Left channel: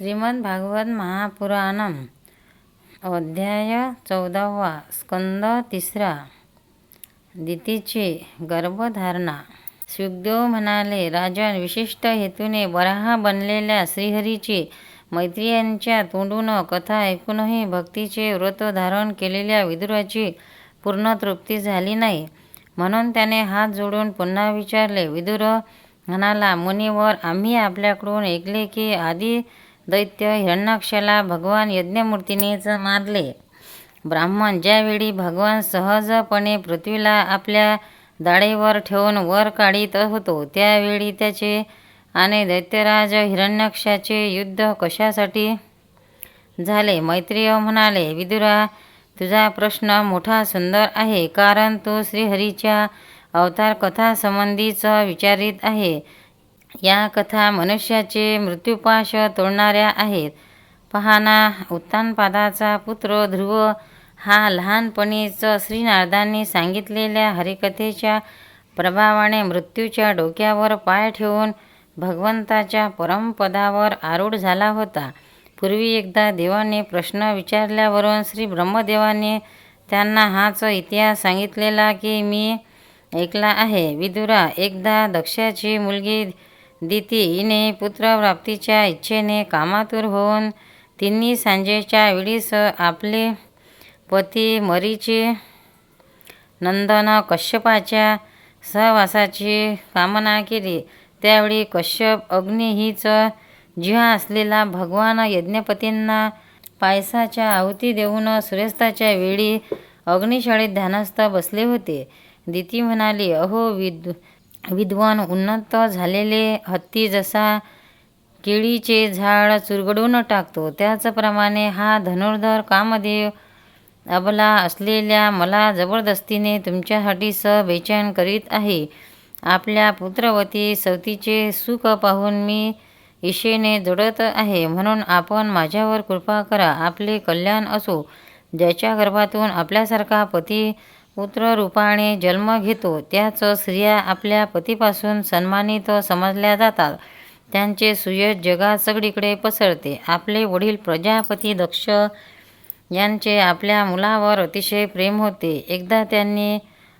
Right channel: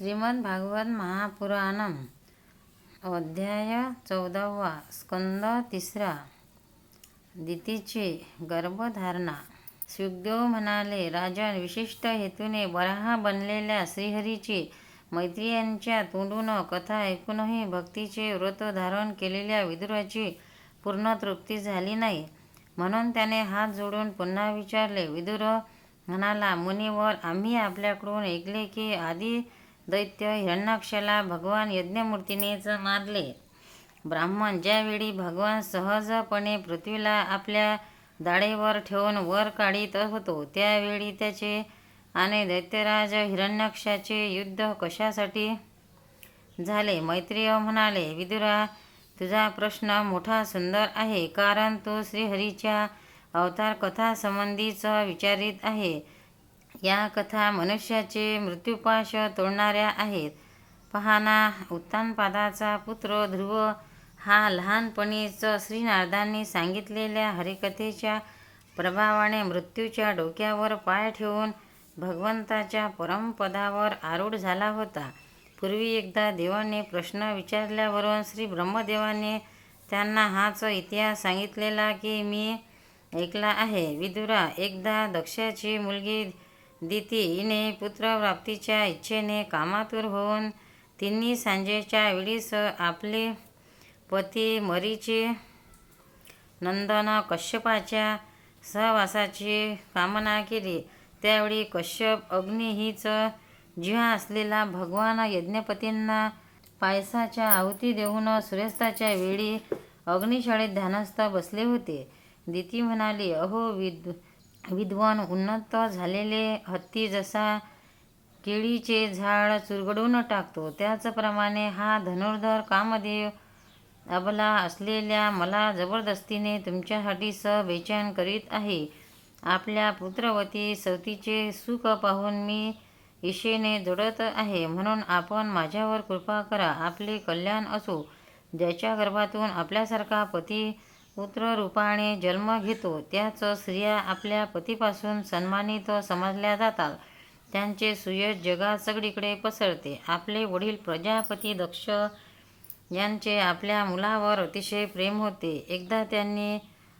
श्रीमद भागवत महापुराणम अध्याय चौदावा स्कंद तिसरा. दितीची गर्भधारणा. सुखदेव म्हणाले राजन विशिष्ट हेतूने बराहा बनलेल्या श्रीहरीची मैत्रियांच्या तोंडून कथा ऐकूनही भक्तीचे व्रत धारण केलेल्या विदुराची पूर्ण तृप्ती झाली नाही. म्हणून त्याने हात जोडून पुन्हा विचारले विदुर म्हणाला मुनिवर आम्ही आपल्याकडून ऐकले की आधी दैत्य हिरण्यक्षला भगवान यज्ञमूर्तीनेच मारले. ब्राह्मण ज्यावेळी भगवान सहजपणे पृथ्वीला आपल्या दाढेवर ठेवून वर काढीत होतो त्यावेळी त्याचे आणि दैत्यराज हिरण्याक्षाचे युद्ध कशासाठी झाले? मैत्रेय म्हणाले विदुरा तुझा प्रश्न मोठा सुंदर आहे कारण तो श्रीहरीच्या अवतार कथासंबंधीच विचारित आहे. या कथा मनुष्याचे मृत्युपाश तोडणाऱ्या आहेत. पहाना उत्तानपादाचा पुत्र ध्रुव हा लहानपणीच श्रीनारदांनी सांगितलेल्या हरिकथेच्या प्रभावाने मृत्यूच्या डोक्यावर पाय ठेवून भगवंताच्या परमपदावर आरूढ झाला होता. पूर्वी एकदा देवाने प्रश्न विचारल्यावरून श्री ब्रह्मदेवाने त्यांना हाच इतिहास सांगितलेला की मी ऐकला आहे. विदुरा एकदा दक्षाची मुलगी दितीने हिने पुत्रप्राप्तीच्या इच्छेने कामातूर होऊन तिन्ही सांजेच्या वेळीस आपले पती मरीची नंदन कश्यपाच्या सहवासाची कामना केली. त्यावेळी कश्यप अग्नी हीच जिहा असलेला भगवान यज्ञपतींना पायसाच्या आहुती देऊन सूर्यास्ताच्या वेळी अग्निशाळेत ध्यानस्थ बसले होते. दिती म्हणाली अहो विद विद्वान उन्नत झालेले हत्ती जसा केळीचे झाड चुरगडून टाकतो त्याचप्रमाणे हा धनुर्धर कामदेव अबला असलेल्या मला जबरदस्तीने तुमच्यासाठी स बेचैन करीत आहे. आपल्या पुत्रवती सवतीचे सुख पाहून मी इशेने जोडत आहे. म्हणून आपण माझ्यावर कृपा करा. आपले कल्याण असो. ज्याच्या गर्भातून आपल्यासारखा पती पुत्ररूपाने जन्म घेतो. त्याच स्त्रिया आपल्या पतीपासून सन्मानित समजल्या जातात. त्यांचे सुयश जगात सगळीकडे पसरते. आपले वडील प्रजापती दक्ष यांचे आपल्या मुलावर अतिशय प्रेम होते. एकदा त्यांनी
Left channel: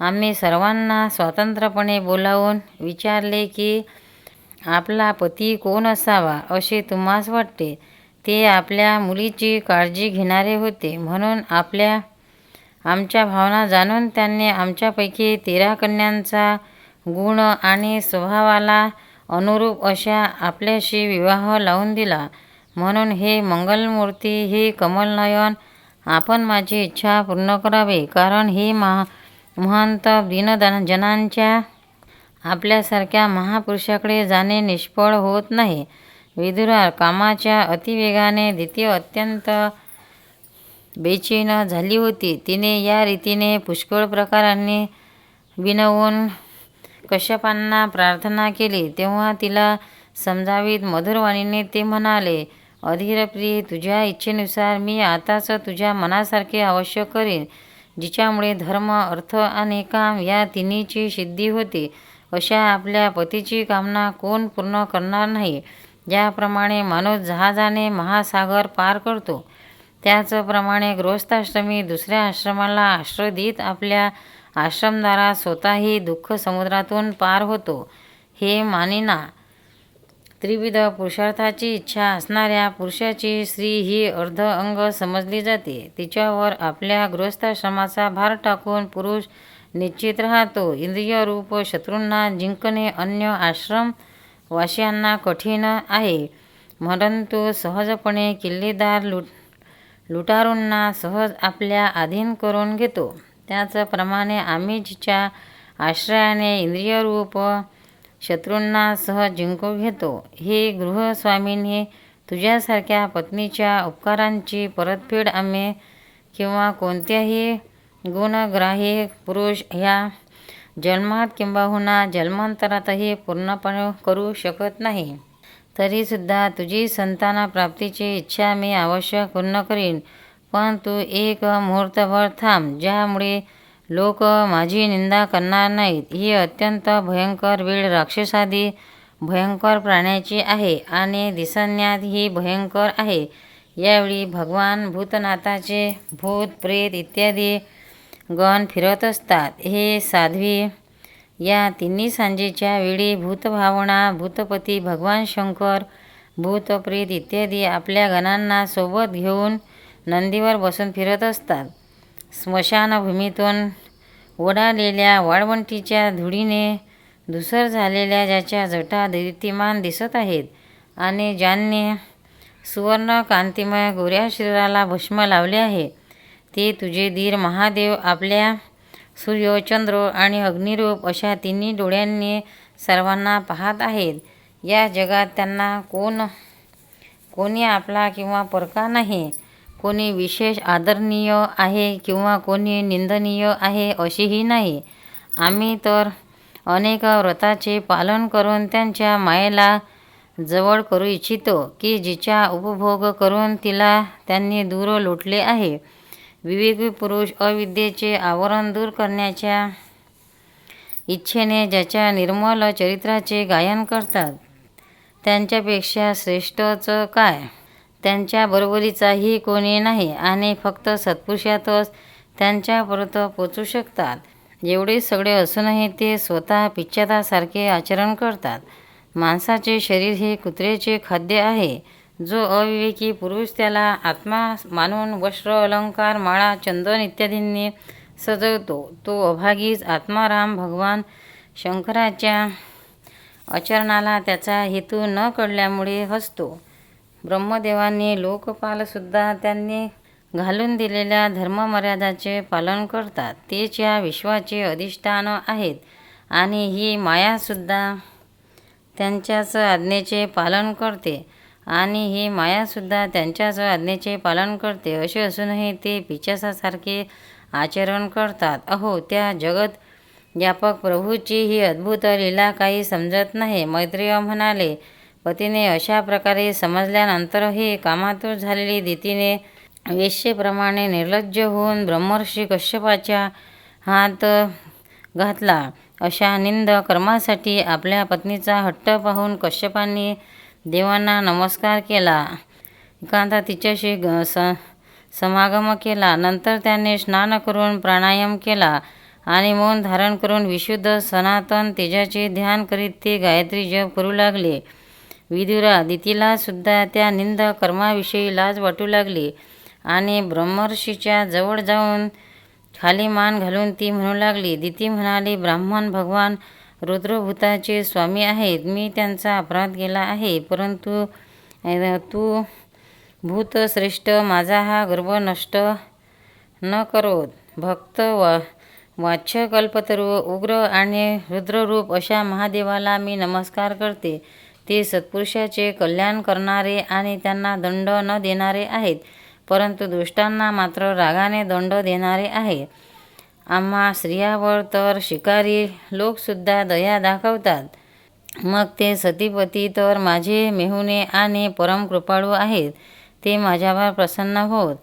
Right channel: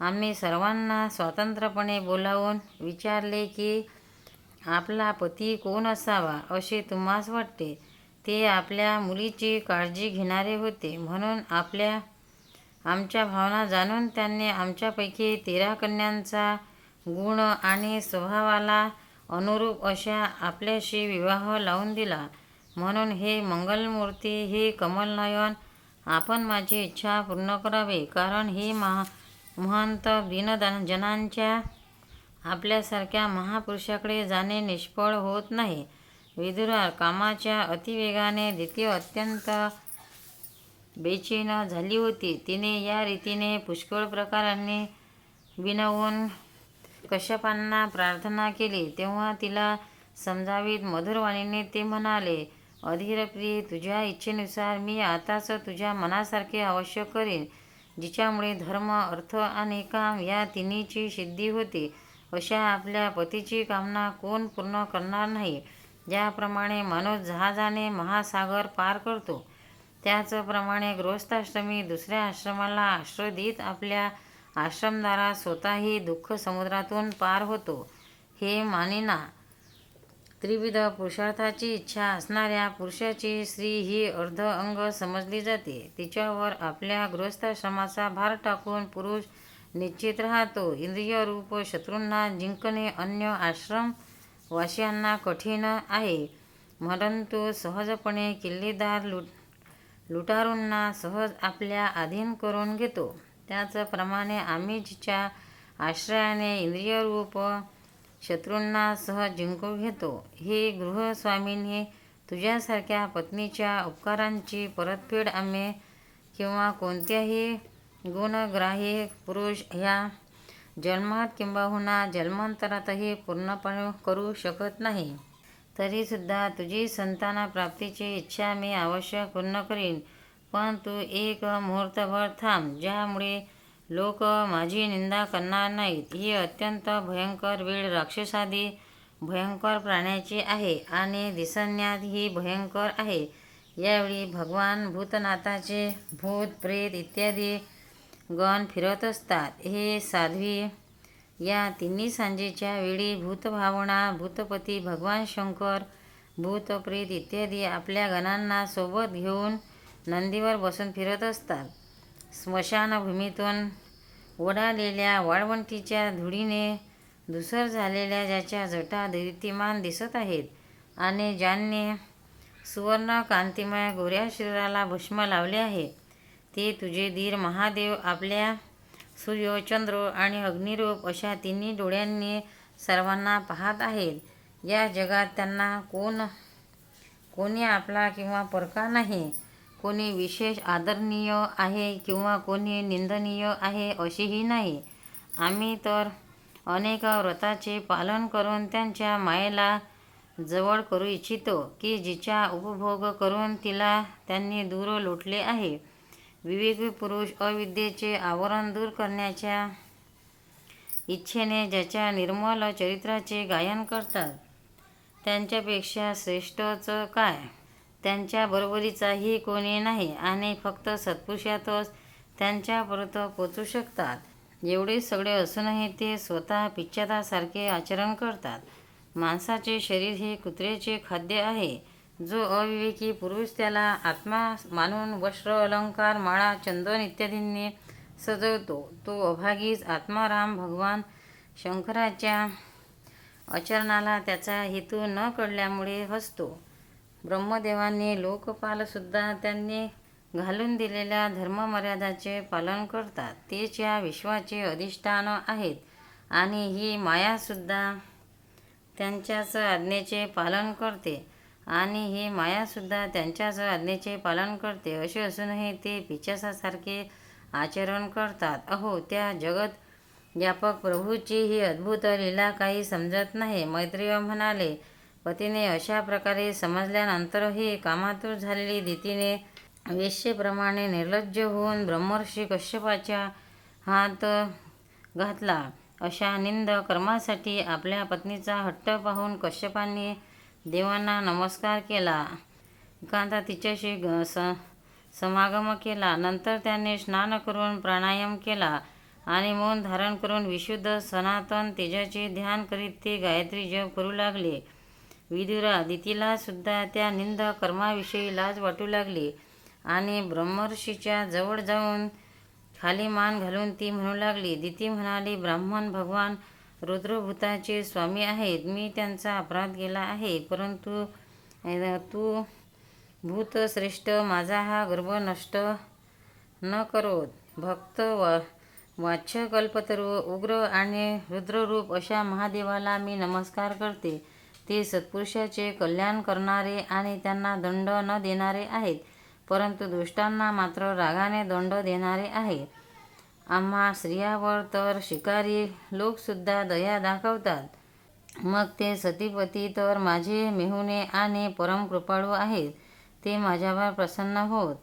आम्ही सर्वांना स्वतंत्रपणे बोलावून विचारले की आपला पती कोण असावा? असे तुम्हास वाटते. ते आपल्या मुलीची काळजी घेणारे होते. म्हणून आपल्या आमच्या भावना जाणून त्यांनी आमच्यापैकी तेरा कन्यांचा गुण आणि स्वभावाला अनुरूप अशा आपल्याशी विवाह लावून दिला. म्हणून हे मंगलमूर्ती हे कमलनयन आपण माझी इच्छा पूर्ण करावे. कारण हे महा महंत दीनदन जनांच्या आपल्यासारख्या महापुरुषाकडे जाणे निष्फळ होत नाही. विदुरा कामाच्या अतिवेगाने द्वितीय अत्यंत बेचैन झाली होती. तिने या रीतीने पुष्कळ प्रकारांनी विनवून कश्यपांना प्रार्थना केली. तेव्हा तिला समजावीत मधुरवाणीने ते म्हणाले अधीरप्रिय तुझ्या इच्छेनुसार मी आताच तुझ्या मनासारखे अवश्य करीन जिच्यामुळे धर्म अर्थ आणि काम या तिन्हीची सिद्धी होते. अशा आपल्या पतीची कामना कोण पूर्ण करणार नाही. ज्याप्रमाणे माणूस जहाजाने महासागर पार करतो त्याचप्रमाणे गृहस्थाश्रमी दुसऱ्या आश्रमाला आश्रय देत आपल्या आश्रमदारात स्वतःही दुःख समुद्रातून पार होतो. हे मानिना. त्रिविध पुरुषार्थाची इच्छा असणाऱ्या पुरुषाची स्त्री ही अर्ध अंग समजली जाते. तिच्यावर आपल्या गृहस्थाश्रमाचा भार टाकून पुरुष निश्चित राहतो. इंद्रियरूप शत्रूंना जिंकणे अन्य आश्रम वाशियांना कठीण आहे. परंतु सहजपणे किल्लेदार लुट लुटारूंना सहज आपल्या अधीन करून घेतो. त्याचप्रमाणे आम्ही जिच्या आश्रयाने इंद्रियरूप शत्रूंना सहज जिंकून घेतो. हे गृहस्वामींनी तुझ्यासारख्या पत्नीच्या उपकारांची परतफेड आम्ही किंवा कोणत्याही गुणग्राही पुरुष ह्या जन्मात किंबहुना जन्मांतरातही पूर्णपणे करू शकत नाही. तरीसुद्धा तुझी संतानप्राप्तीची इच्छा मी अवश्य पूर्ण करीन. पण तू एक मुहूर्तभर थांब ज्यामुळे लोक माझी निंदा करणार नाहीत. ही अत्यंत भयंकर वेळ राक्षसादी भयंकर प्राण्याची आहे आणि दिसण्यात ही भयंकर आहे. यावेळी भगवान भूतनाथाचे भूत प्रेत इत्यादी गण फिरत असतात. हे साध्वी या तिन्ही सांजेच्या वेळी भूतभावना भूतपती भगवान शंकर भूतप्रेत इत्यादी आपल्या गणांना सोबत घेऊन नंदीवर बसून फिरत असतात. स्मशानभूमीतून ओढालेल्या वाळवंटीच्या धुळीने धुसर झालेल्या ज्याच्या जटा दैदिप्यमान दिसत आहेत आणि ज्यांनी सुवर्ण कांतिमय गोऱ्या शरीराला भस्म लावले आहे ते तुझे धीर महादेव आपल्या सूर्य चंद्र आणि अग्निरूप अशा तिन्ही डोळ्यांनी सर्वांना पाहत आहेत. या जगात त्यांना कोण कोणी आपला किंवा परका नाही. कोणी विशेष आदरणीय आहे किंवा कोणी निंदनीय आहे अशीही नाही. आम्ही तर अनेक व्रताचे पालन करून त्यांच्या मायेला जवळ करू इच्छितो की जिचा उपभोग करून तिला त्यांनी दूर लोटले आहे. विवेकी पुरुष अविद्येचे आवरण दूर करण्याच्या इच्छेने ज्याच्या निर्मल चरित्राचे गायन करतात त्यांच्यापेक्षा श्रेष्ठचं काय? त्यांच्या बरोबरीचाही कोणी नाही आणि फक्त सत्पुरुषातच त्यांच्यापर्यंत पोचू शकतात. एवढे सगळे असूनही ते स्वतः पिच्छतासारखे आचरण करतात. माणसाचे शरीर हे कुत्र्याचे खाद्य आहे. जो अविवेकी पुरुष त्याला आत्मा मानून वस्त्र अलंकार माळा चंदन इत्यादींनी सजवतो. तो अभागीच आत्माराम भगवान शंकराच्या आचरणाला त्याचा हेतू न कळल्यामुळे हसतो. ब्रह्मदेवांनी लोकपालसुद्धा त्यांनी घालून दिलेल्या धर्ममर्यादाचे पालन करतात. तेच या विश्वाचे अधिष्ठान आहेत आणि ही मायासुद्धा त्यांच्याच आज्ञेचे पालन करते. आणि ही मायासुद्धा त्यांच्याच आज्ञेचे पालन करते. असे असूनही ते पिचासासारखे आचरण करतात. अहो त्या जगत व्यापक प्रभूची ही अद्भुत लीला काही समजत नाही. मैत्रेय म्हणाले पतीने अशा प्रकारे समजल्यानंतरही कामातूर झालेली दितीने वेश्येप्रमाणे निर्लज्ज होऊन ब्रह्मर्षी कश्यपाच्या हात घातला. अशा निंद कर्मासाठी आपल्या पत्नीचा हट्ट पाहून कश्यपांनी देवांना नमस्कार केला. एकांता तिच्याशी ग स समागम केला. नंतर त्याने स्नान करून प्राणायाम केला आणि मौन धारण करून विशुद्ध सनातन तेजाचे ध्यान करीत ते गायत्री जप करू लागले. विदुरा दितीला सुद्धा त्या निंद कर्माविषयी लाज वाटू लागली आणि ब्रह्मर्षीच्या जवळ जाऊन खाली मान घालून ती म्हणू लागली. दिती म्हणाली ब्राह्मण भगवान रुद्रभूताचे स्वामी आहेत. मी त्यांचा अपराध केला आहे. परंतु तू भूतश्रेष्ठ माझा हा गर्व नष्ट न करो भक्त वा वाच्यकल्पतरू उग्र आणि रुद्ररूप अशा महादेवाला मी नमस्कार करते. ते सत्पुरुषाचे कल्याण करणारे आणि त्यांना दंड न देणारे आहेत. परंतु दुष्टांना मात्र रागाने दंड देणारे आहे. आम्हा स्त्रियावर तर शिकारी लोकसुद्धा दया दाखवतात. मग ते सतीपती तर माझे मेहुणे आणि परम कृपाळू आहेत ते माझ्यावर प्रसन्न होत.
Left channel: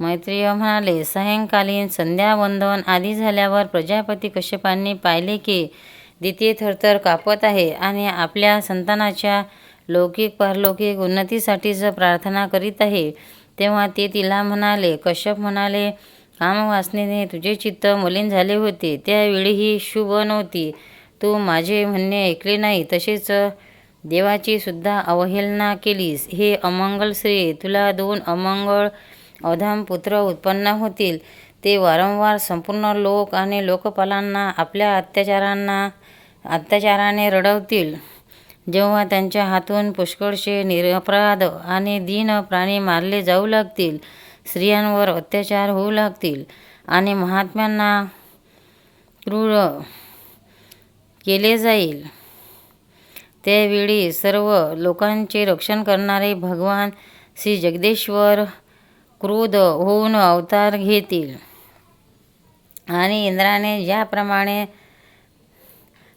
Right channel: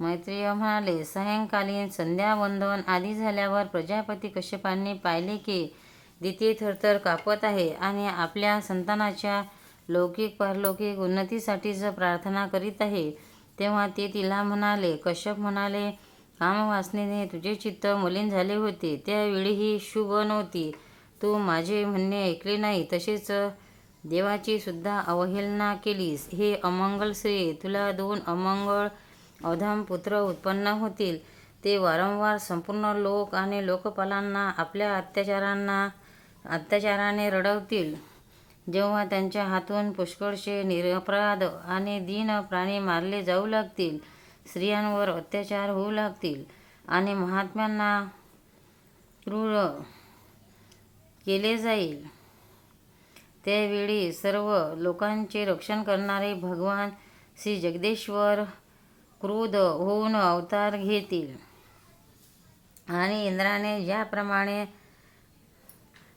मैत्रीय म्हणाले सायंकालीन संध्यावंदन आधी झाल्यावर प्रजापती कश्यपांनी पाहिले की दिती थरथर कापत आहे आणि आपल्या संतानाच्या लौकिक पारलौकिक उन्नतीसाठीच प्रार्थना करीत आहे. तेव्हा ते तिला म्हणाले कश्यप म्हणाले कामवासनेने तुझे चित्त मलिन झाले होते. त्यावेळीही शुभ नव्हती. तू माझे म्हणणे ऐकले नाही तसेच देवाची सुद्धा अवहेलना केलीस. हे अमंगल श्री तुला दोन अमंगळ अधाम पुत्र उत्पन्न होतील. ते वारंवार संपूर्ण लोक आणि लोकपालांना आपल्या अत्याचारांना अत्याचाराने रडवतील. जेव्हा त्यांच्या हातून पुष्कळशे निरपराध आणि दीन प्राणी मारले जाऊ लागतील स्त्रियांवर अत्याचार होऊ लागतील आणि महात्म्यांना क्रूर केले जाईल. त्यावेळी सर्व लोकांचे रक्षण करणारे भगवान श्री जगदेश्वर क्रोध होऊन अवतार घेतील. आणि इंद्राने ज्याप्रमाणे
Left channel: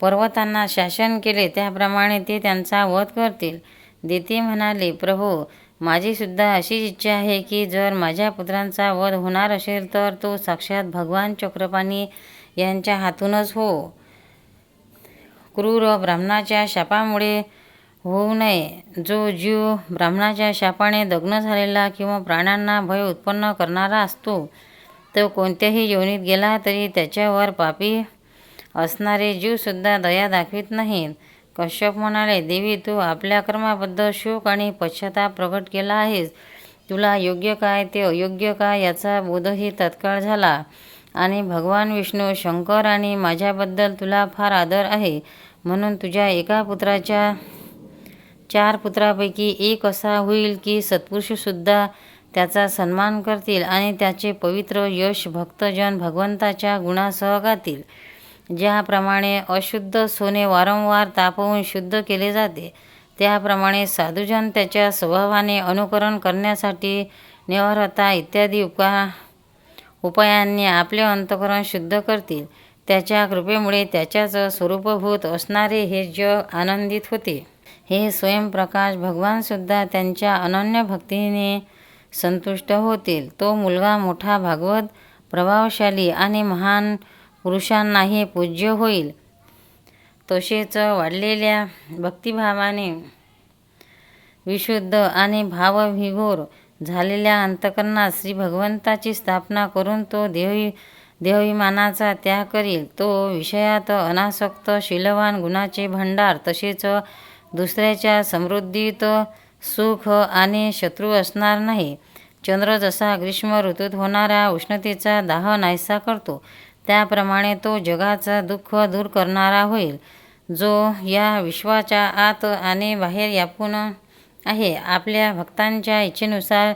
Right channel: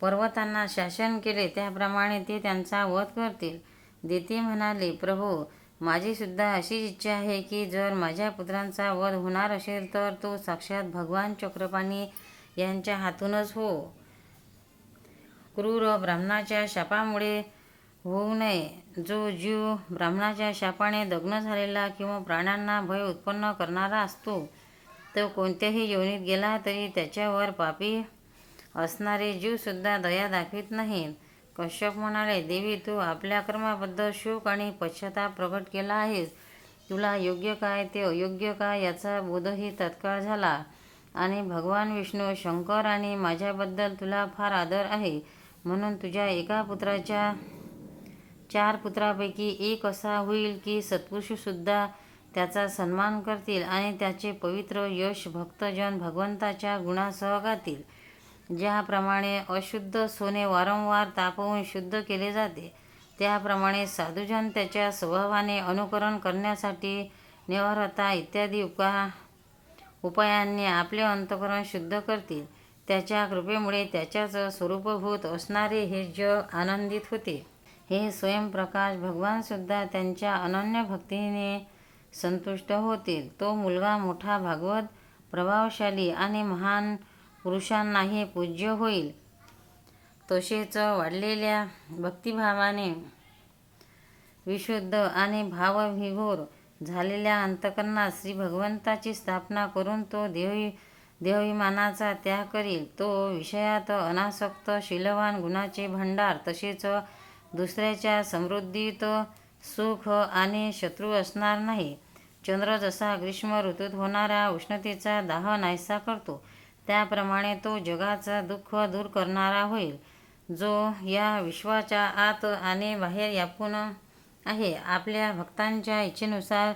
पर्वतांना शासन केले त्याप्रमाणे ते त्यांचा वध करतील. देते म्हणाले प्रभू माझीसुद्धा अशीच इच्छा आहे की जर माझ्या पुत्रांचा वध होणार असेल तर तो साक्षात भगवान चक्रपाणी यांच्या हातूनच हो. क्रूर ब्राह्मणाच्या शापामुळे होऊ नये. जो जीव ब्राह्मणाच्या शापाने दग्न झालेला किंवा प्राण्यांना भय उत्पन्न करणारा असतो तो कोणत्याही योनीत गेला तरी त्याच्यावर पापी असणारे जीवसुद्धा दया दाखवित नाहीत. कश्यप म्हणाले देवी तू आपल्या कर्माबद्दल शोक आणि पश्चाताप प्रकट केला आहेस. तुला योग्य काय ते अयोग्य काय याचा बोधही तत्काळ झाला. आणि भगवान विष्णू शंकर आणि माझ्याबद्दल तुला फार आदर आहे. म्हणून तुझ्या एका पुत्राच्या चार पुत्रापैकी एक असा होईल की सत्पुरुषसुद्धा त्याचा सन्मान करतील आणि त्याचे पवित्र यश भक्तजन भगवंताच्या गुणासह गातील. ज्याप्रमाणे अशुद्ध सोने वारंवार तापवून शुद्ध केले जाते त्याप्रमाणे साधुजन त्याच्या स्वभावाने अनुकरण करण्यासाठी निवारता इत्यादी उपा उपायांनी आपले अंतकरण शुद्ध करतील. त्याच्या कृपेमुळे त्याच्याच स्वरूपभूत असणारे हे जग आनंदित होते. हे स्वयंप्रकाश भगवानसुद्धा त्यांच्या अनन्य भक्तीने संतुष्ट होतील. तो मुलगा मोठा भागवत प्रभावशाली आणि महान पुरुषांनाही पूज्य होईल. तसेच वाढलेल्या भक्तिभावाने विशुद्ध आणि भावविघोर झालेल्या अंतकरणात श्री भगवंताची स्थापना करून तो देवी देहाभिमानाचा त्याग करील. तो विषयात अनासक्त शीलवान गुणाचे भंडार तसेच दुसऱ्याच्या समृद्धीत सुख आणि शत्रू असणार नाही. चंद्र जसा ग्रीष्म ऋतूत होणाऱ्या उष्णतेचा दाह नाहीसा करतो. त्याप्रमाणे तो जगाचा दुःख दूर करणारा होईल. जो या विश्वाच्या आत आणि बाहेर व्यापून आहे. आपल्या भक्तांच्या इच्छेनुसार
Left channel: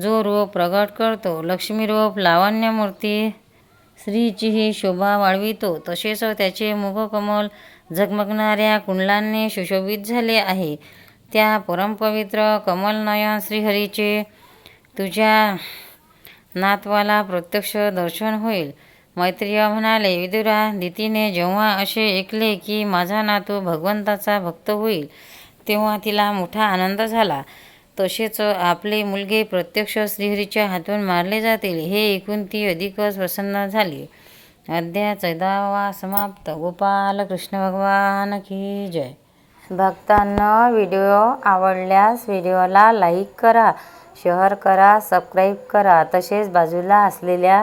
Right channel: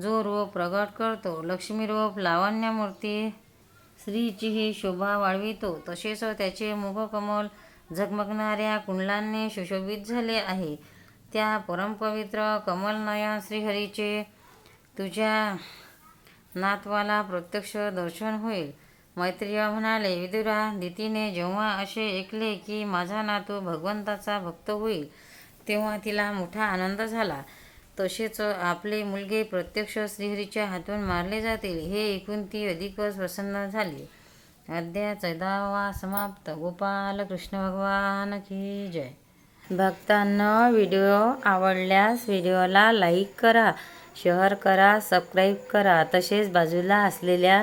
जो रूप प्रगट करतो लक्ष्मी रूप लावण्यमूर्ती स्त्रीचीही शोभा वाढवितो. तसेच त्याचे मुखकमल झगमगणाऱ्या कुंडलांनी सुशोभित झाले आहे. त्या परमपवित्र कमलनयन श्रीहरीचे तुझ्या नातवाला प्रत्यक्ष दर्शन होईल. मैत्रिय म्हणाले विदुरा दितीने जेव्हा असे ऐकले की माझा नातू भगवंताचा भक्त होईल तेव्हा तिला मोठा आनंद झाला. तसेच आपले मुलगे प्रत्यक्ष श्रीहरीच्या हातून मारले जातील हे ऐकून ती अधिकच प्रसन्न झाली. अध्याय चौदावा समाप्त. गोपाल कृष्ण भगवान की जय. भक्तांना व्हिडिओ आवडल्यास व्हिडिओला लाईक करा शेअर करा सबस्क्राईब करा. तसेच बाजूला असलेल्या